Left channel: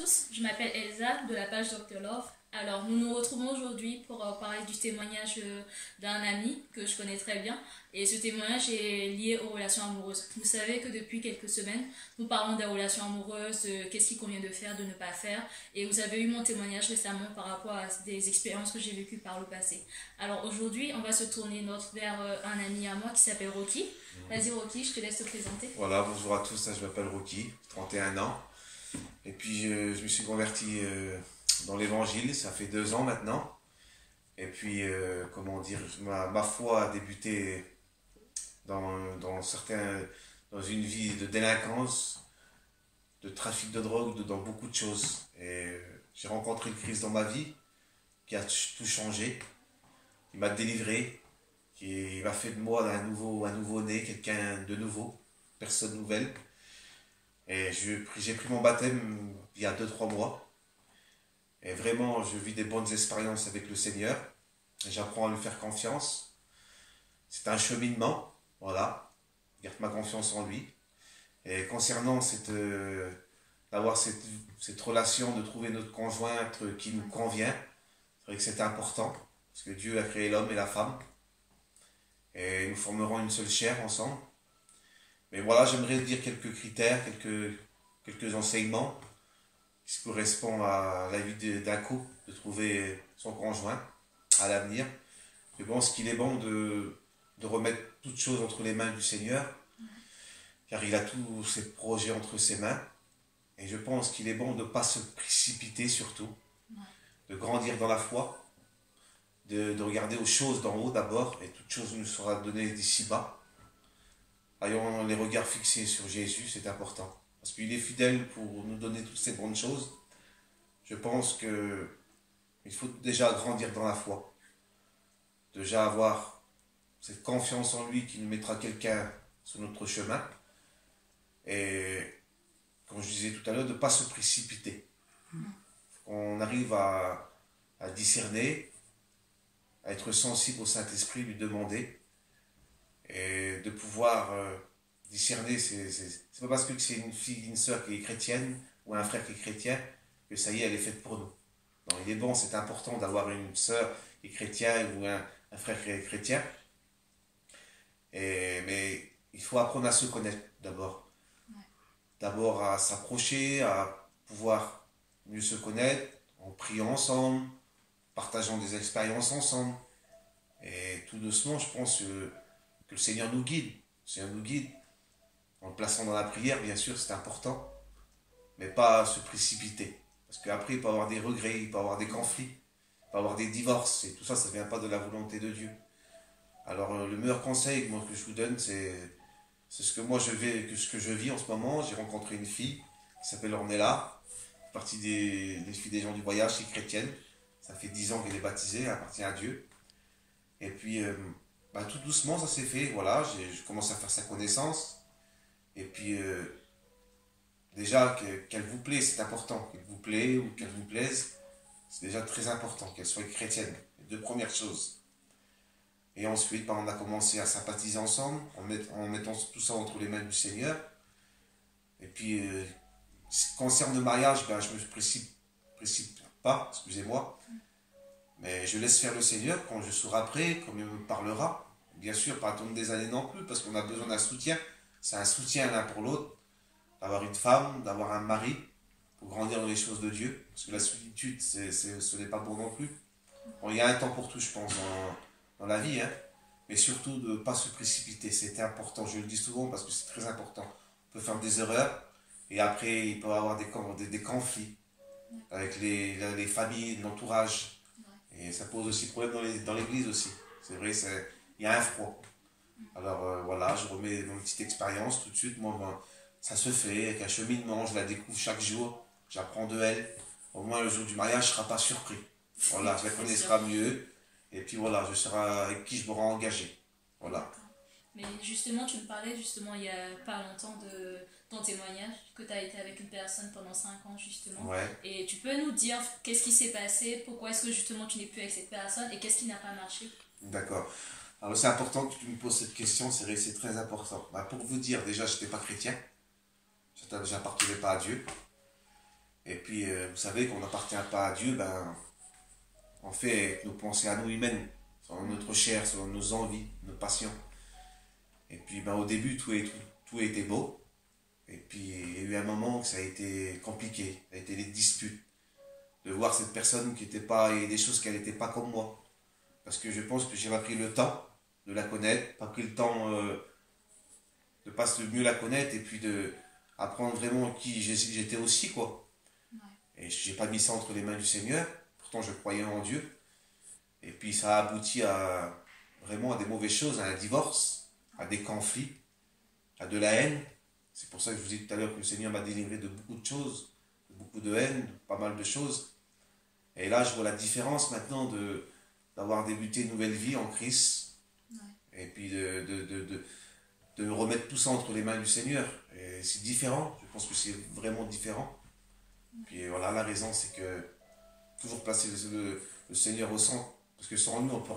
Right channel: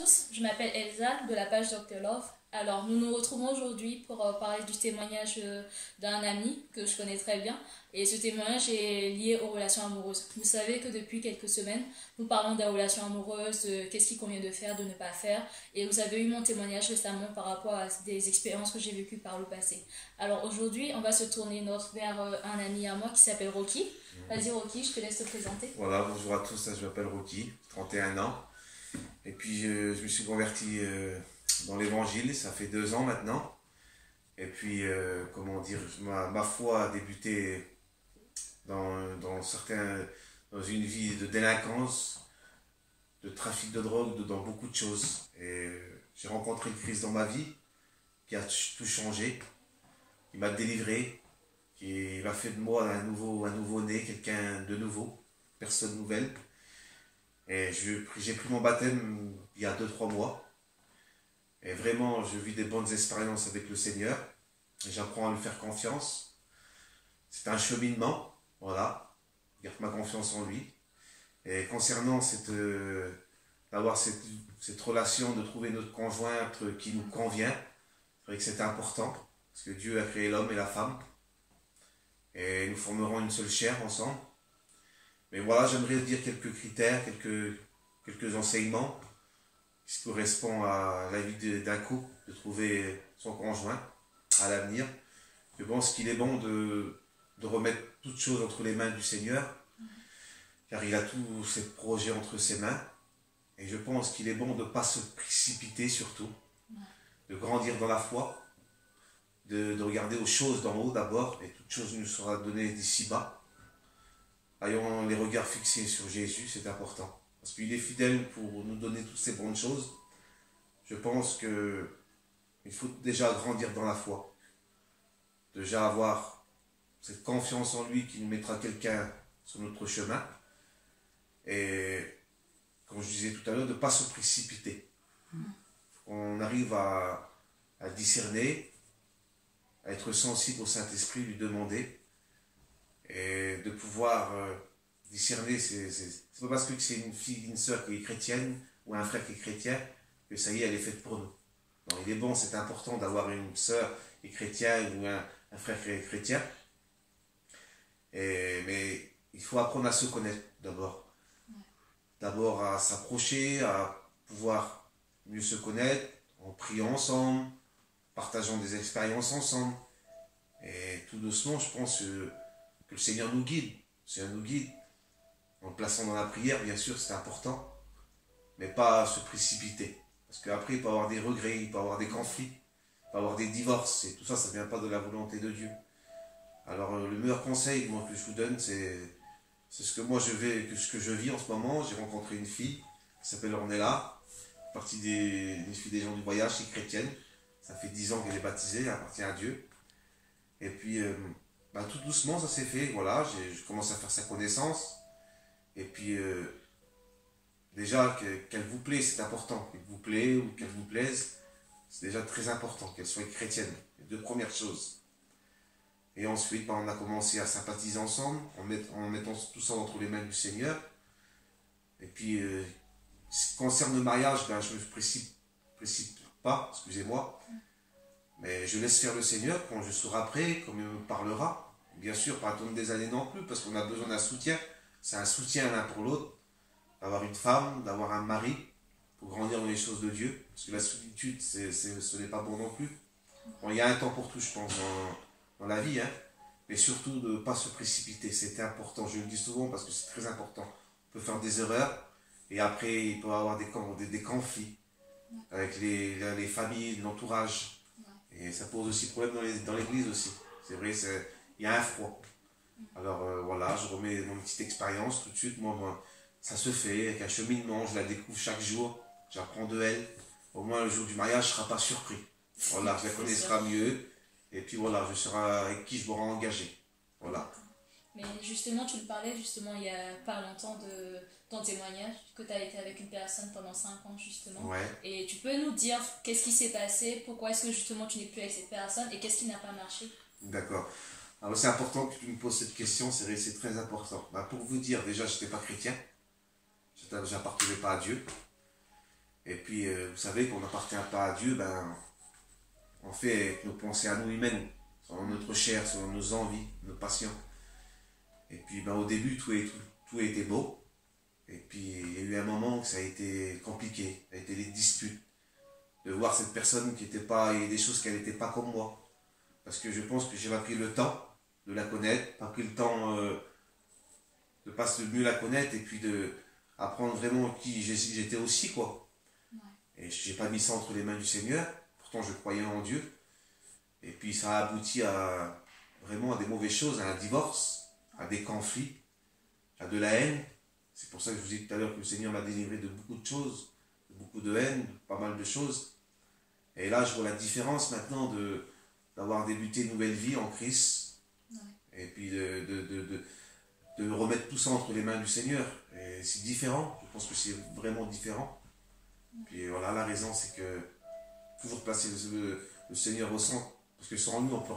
tous, je m'appelle Elsa de la page Dr Love. Alors, nous nous retrouvons aujourd'hui pour parler du témoignage d'un ami que je connais très bien. Et ce témoignage est lié aux relations amoureuses. Vous savez que depuis quelques semaines, nous parlons des relations amoureuses, de qu'est-ce qu'il convient de faire, de ne pas faire. Et vous avez eu mon témoignage récemment par rapport à des expériences que j'ai vécues par le passé. Alors aujourd'hui, on va se tourner vers un ami à moi qui s'appelle Rocky. Vas-y Rocky, je te laisse te présenter. Voilà, bonjour à tous, je m'appelle Rocky, 31 ans. Et puis je me suis converti dans l'évangile, ça fait 2 ans maintenant. Et puis, comment dire, ma foi a débuté dans une vie de délinquance, de trafic de drogue, dans beaucoup de choses. Et j'ai rencontré le Christ dans ma vie, qui a tout changé, qui m'a délivré, qui m'a fait de moi un nouveau-né, quelqu'un de nouveau, personne nouvelle. Et j'ai pris mon baptême il y a 2-3 mois. Et vraiment, je vis des bonnes expériences avec le Seigneur. J'apprends à lui faire confiance. C'est un cheminement, voilà. Je garde ma confiance en lui. Et concernant d'avoir cette relation, de trouver notre conjointe qui nous convient, c'est vrai que c'est important. Parce que Dieu a créé l'homme et la femme. Et nous formerons une seule chair ensemble. Mais voilà, j'aimerais dire quelques critères, quelques enseignements qui correspondent à la vie d'un couple, de trouver son conjoint à l'avenir. Je pense qu'il est bon de remettre toutes choses entre les mains du Seigneur, car il a tous ses projets entre ses mains. Et je pense qu'il est bon de ne pas se précipiter surtout, de grandir dans la foi, de regarder aux choses d'en haut d'abord, et toute chose nous sera donnée d'ici-bas. Ayons les regards fixés sur Jésus, c'est important. Parce qu'il est fidèle pour nous donner toutes ces bonnes choses. Je pense qu'il faut déjà grandir dans la foi. Déjà avoir cette confiance en lui qui nous mettra quelqu'un sur notre chemin. Et, comme je disais tout à l'heure, de ne pas se précipiter. On arrive à discerner, à être sensible au Saint-Esprit, lui demander. Et de pouvoir discerner, c'est pas parce que c'est une fille, une sœur qui est chrétienne ou un frère qui est chrétien que ça y est, elle est faite pour nous. Non, il est bon, c'est important d'avoir une sœur qui est chrétienne ou un frère qui est chrétien. Mais il faut apprendre à se connaître d'abord. D'abord à s'approcher, à pouvoir mieux se connaître, en priant ensemble, partageant des expériences ensemble. Et tout doucement, je pense que le Seigneur nous guide. Le Seigneur nous guide en le plaçant dans la prière, bien sûr, c'est important, mais pas se précipiter. Parce qu'après, il peut y avoir des regrets, il peut y avoir des conflits, il peut y avoir des divorces, et tout ça, ça ne vient pas de la volonté de Dieu. Alors, le meilleur conseil que je vous donne, c'est ce que moi ce que je vis en ce moment. J'ai rencontré une fille qui s'appelle Ornella, partie des filles des gens du voyage, qui est chrétienne. Ça fait 10 ans qu'elle est baptisée, elle appartient à Dieu. Et puis, tout doucement, ça s'est fait, voilà, je commence à faire sa connaissance. Et puis, déjà, qu'elle vous plaît, c'est important. Qu'elle vous plaît ou qu'elle vous plaise, c'est déjà très important, qu'elle soit chrétienne. Les 2 premières choses. Et ensuite, on a commencé à sympathiser ensemble, en mettant tout ça entre les mains du Seigneur. Et puis, ce qui concerne le mariage, je ne me précipite pas, excusez-moi. Mais je laisse faire le Seigneur quand je serai prêt, quand il me parlera. Bien sûr, pas attendre des années non plus, parce qu'on a besoin d'un soutien. C'est un soutien l'un pour l'autre. D'avoir une femme, d'avoir un mari, pour grandir dans les choses de Dieu. Parce que la solitude, ce n'est pas bon non plus. Bon, il y a un temps pour tout, je pense, dans la vie. Mais surtout, de ne pas se précipiter. C'était important, je le dis souvent, parce que c'est très important. On peut faire des erreurs, et après, il peut y avoir des conflits avec les familles, l'entourage. Et ça pose aussi problème dans l'église aussi. C'est vrai, il y a un froid. Alors voilà, je remets mon petite expérience tout de suite. Moi, ça se fait avec un cheminement, je la découvre chaque jour. J'apprends de elle. Au moins, le jour du mariage, je ne serai pas surpris. Voilà, je la connaîtra mieux. Et puis voilà, je serai avec qui je m'aurai engagé. Voilà. Mais justement, tu me parlais justement il n'y a pas longtemps de ton témoignage, que tu as été avec une personne pendant 5 ans justement. Ouais. Et tu peux nous dire qu'est-ce qui s'est passé, pourquoi est-ce que justement tu n'es plus avec cette personne et qu'est-ce qui n'a pas marché? D'accord. Alors c'est important que tu me poses cette question, c'est très important. Pour vous dire, déjà, je n'étais pas chrétien. Je n'appartenais pas à Dieu. Et puis, vous savez qu'on n'appartient pas à Dieu, ben, on fait avec nos pensées à nous humaines, selon notre chair, selon nos envies, nos passions. Et puis, ben, au début, tout a été beau. Et puis, il y a eu un moment que ça a été compliqué. Ça a été les disputes. De voir cette personne qui n'était pas, il y a des choses qu'elle n'était pas comme moi. Parce que je pense que j'ai pas pris le temps de la connaître, pas pris le temps de pas mieux la connaître et puis de apprendre vraiment qui j'étais aussi, quoi. Ouais. Et j'ai pas mis ça entre les mains du Seigneur. Pourtant, je croyais en Dieu. Et puis, ça a abouti vraiment à des mauvaises choses, à un divorce, à des conflits, à de la haine. C'est pour ça que je vous dis tout à l'heure que le Seigneur m'a délivré de beaucoup de choses, de beaucoup de haine, de pas mal de choses. Et là, je vois la différence maintenant d'avoir débuté une nouvelle vie en Christ. Ouais. Et puis de remettre tout ça entre les mains du Seigneur. Et c'est différent, je pense que c'est vraiment différent. Ouais. Puis voilà, la raison, c'est que toujours placer le Seigneur au centre. Parce que sans lui, on ne peut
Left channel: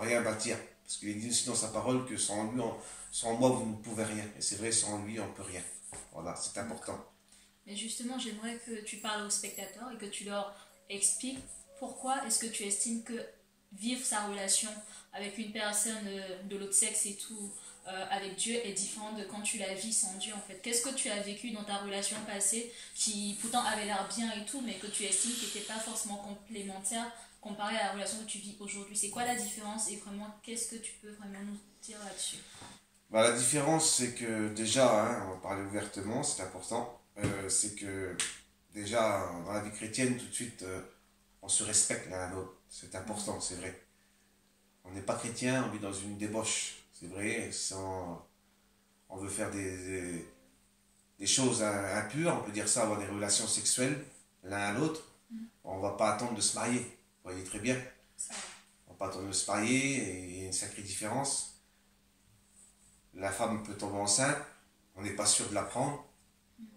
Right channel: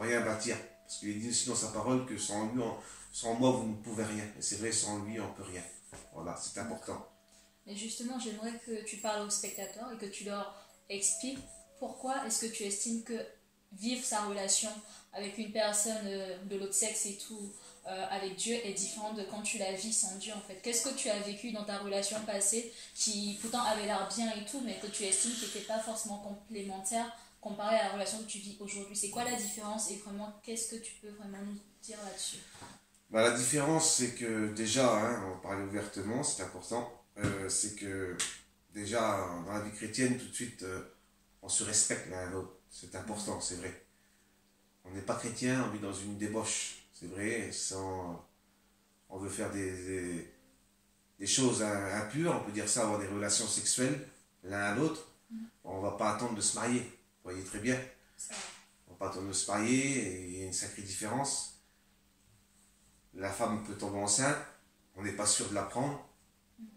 rien bâtir. Parce qu'il dit aussi dans sa parole que sans moi, vous ne pouvez rien. Et c'est vrai, sans lui, on ne peut rien. Voilà, c'est important. Mais justement, j'aimerais que tu parles aux spectateurs et que tu leur expliques pourquoi est-ce que tu estimes que vivre sa relation avec une personne de l'autre sexe et tout, avec Dieu, est différente de quand tu la vis sans Dieu, en fait. Qu'est-ce que tu as vécu dans ta relation passée qui pourtant avait l'air bien et tout, mais que tu estimes qui n'était pas forcément complémentaire comparé à la relation que tu vis aujourd'hui? C'est quoi la différence et vraiment, qu'est-ce que tu peux vraiment nous dire là-dessus? Bah, la différence, c'est que déjà, hein, on va parler ouvertement, c'est important, c'est que déjà, dans la vie chrétienne, tout de suite, on se respecte l'un à l'autre. C'est important, c'est vrai. On n'est pas chrétien, on vit dans une débauche, c'est vrai, on veut faire des choses impures, on peut dire ça, avoir des relations sexuelles l'un à l'autre. On ne va pas attendre de se marier, vous voyez très bien. On ne va pas attendre de se marier, et il y a une sacrée différence. La femme peut tomber enceinte, on n'est pas sûr de la prendre,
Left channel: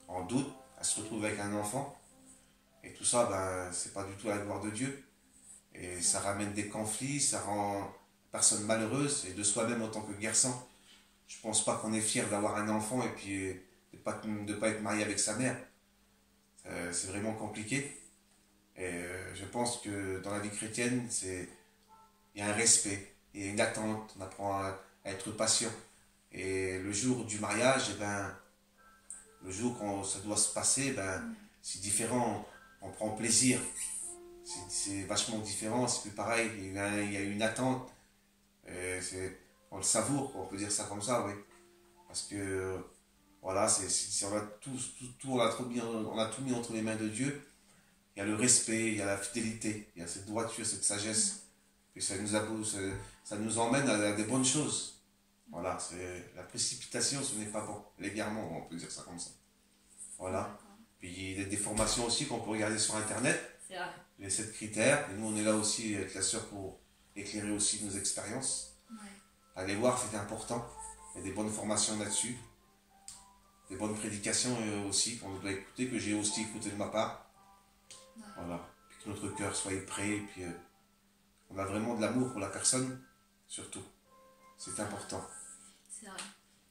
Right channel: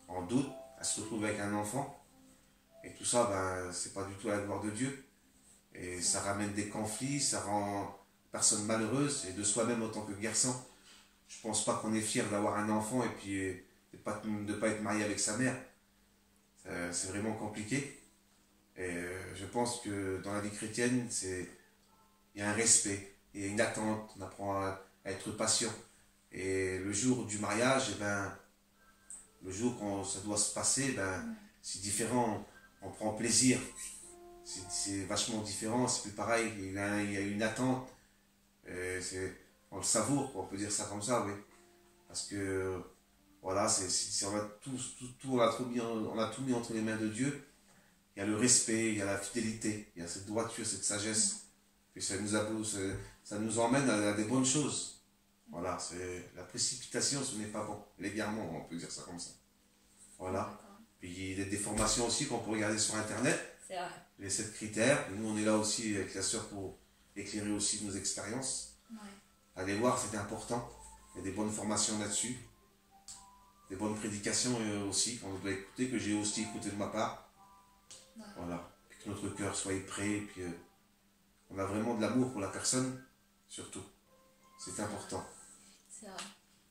on doute, elle se retrouve avec un enfant. Et tout ça, ben, c'est pas du tout la gloire de Dieu. Et ça ramène des conflits, ça rend la personne malheureuse, et de soi-même en tant que garçon. Je pense pas qu'on est fier d'avoir un enfant et puis de pas être marié avec sa mère. C'est vraiment compliqué. Et je pense que dans la vie chrétienne, il y a un respect, il y a une attente, on apprend à être patient. Et le jour du mariage, eh ben, le jour quand ça doit se passer, ben, c'est différent, on prend plaisir. C'est vachement différent, c'est plus pareil, il y a une attente. On le savoure, on peut dire ça comme ça, oui. Parce que, voilà, on a tout mis entre les mains de Dieu. Il y a le respect, il y a la fidélité, il y a cette droiture, cette sagesse. Et ça nous emmène à des bonnes choses. Voilà, la précipitation, ce n'est pas bon. L'égarement, on peut dire ça comme ça. Voilà. Puis il y a des formations aussi qu'on peut regarder sur Internet. C'est vrai. Les 7 critères. Et nous, on est là aussi avec la sœur pour éclairer aussi nos expériences. Ouais. Allez voir, c'est important. Il y a des bonnes formations là-dessus. Des bonnes prédications aussi qu'on doit écouter, que j'ai aussi écouté de ma part. Ouais. Voilà. Puis que notre cœur soit prêt. Et puis on a vraiment de l'amour pour la personne, surtout. C'est important. C'est vrai.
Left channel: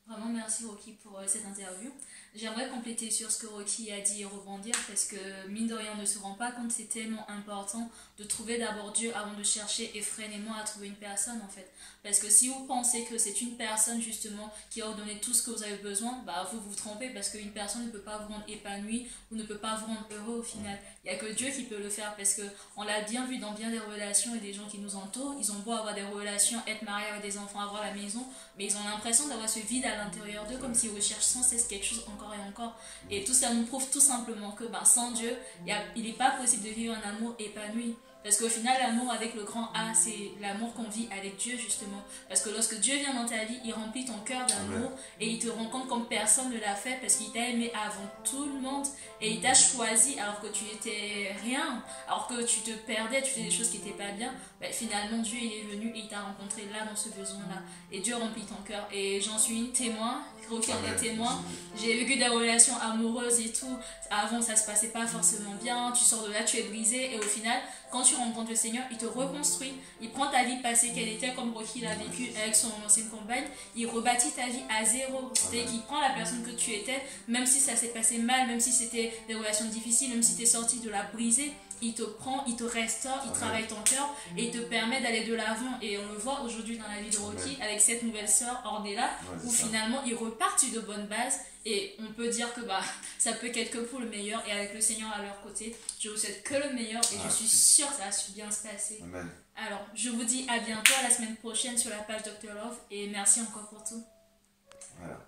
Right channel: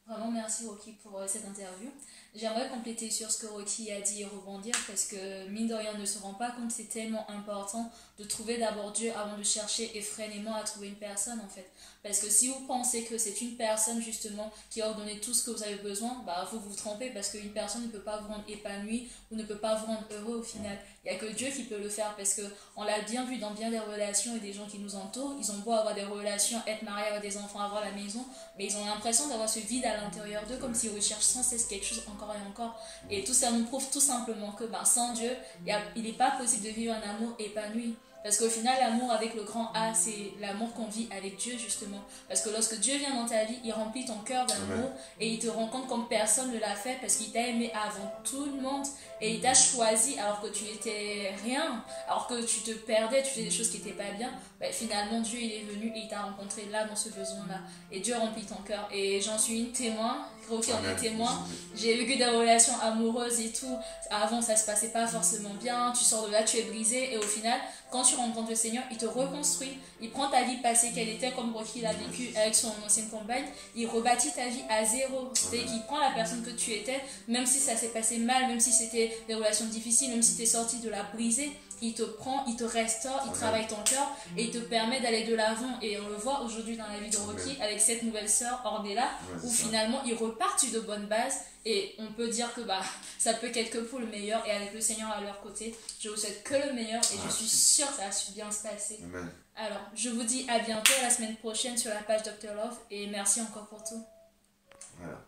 Vraiment, merci Rocky pour cette interview. J'aimerais compléter sur ce que Rocky a dit et rebondir parce que, mine de rien, on ne se rend pas compte, c'est tellement important de trouver d'abord Dieu avant de chercher effrénément à trouver une personne en fait. Parce que si vous pensez que c'est une personne justement qui va vous donner tout ce que vous avez besoin, bah vous vous trompez parce qu'une personne ne peut pas vous rendre épanoui ou ne peut pas vous rendre heureux au final. Il n'y a que Dieu qui peut le faire parce qu'on l'a bien vu dans bien des relations et des gens qui nous entourent. Ils ont beau avoir des relations, être mariés avec des enfants, avoir la maison, mais ils ont l'impression d'avoir ce vide à l'intérieur d'eux comme s'ils recherchent sans cesse quelque chose encore et encore. Et tout ça nous prouve tout simplement que sans Dieu, il n'est pas possible de vivre un amour épanoui. Parce qu'au final, l'amour avec le grand A, c'est l'amour qu'on vit avec Dieu, justement. Parce que lorsque Dieu vient dans ta vie, il remplit ton cœur d'amour et il te rend compte comme personne ne l'a fait parce qu'il t'a aimé avant tout le monde et il t'a choisi alors que tu étais rien, alors que tu te perdais, tu faisais des choses qui n'étaient pas bien. Finalement, Dieu il est venu et il t'a rencontré là, dans ce besoin-là. Et Dieu remplit ton cœur. Et j'en suis une témoin. Rocky en Amen. est témoin. J'ai vécu des relations amoureuses et tout. Avant, ça se passait pas forcément bien. Tu sors de là, tu es brisé. Et au final, quand tu rencontres le Seigneur, il te reconstruit. Il prend ta vie passée qu'elle était, comme Rocky l'a vécu avec son ancienne compagne. Il rebâtit ta vie à zéro. C'est-à-dire qu'il prend la personne que tu étais, même si ça s'est passé mal, même si c'était des relations difficiles, même si tu es sorti de la brisée. Il te prend, il te restaure, il travaille ton cœur et il te permet d'aller de l'avant. Et on le voit aujourd'hui dans la vie de Rocky avec cette nouvelle sœur Ornella, où finalement ils repartent sur de bonnes bases. Et on peut dire que ça peut qu'être que pour le meilleur. Et avec le Seigneur à leur côté, je vous souhaite que le meilleur et je suis sûre que ça va bien se passer. Amen. Alors, je vous dis à bientôt, à la semaine prochaine sur la page Dr Love. Et merci encore pour tout. Voilà.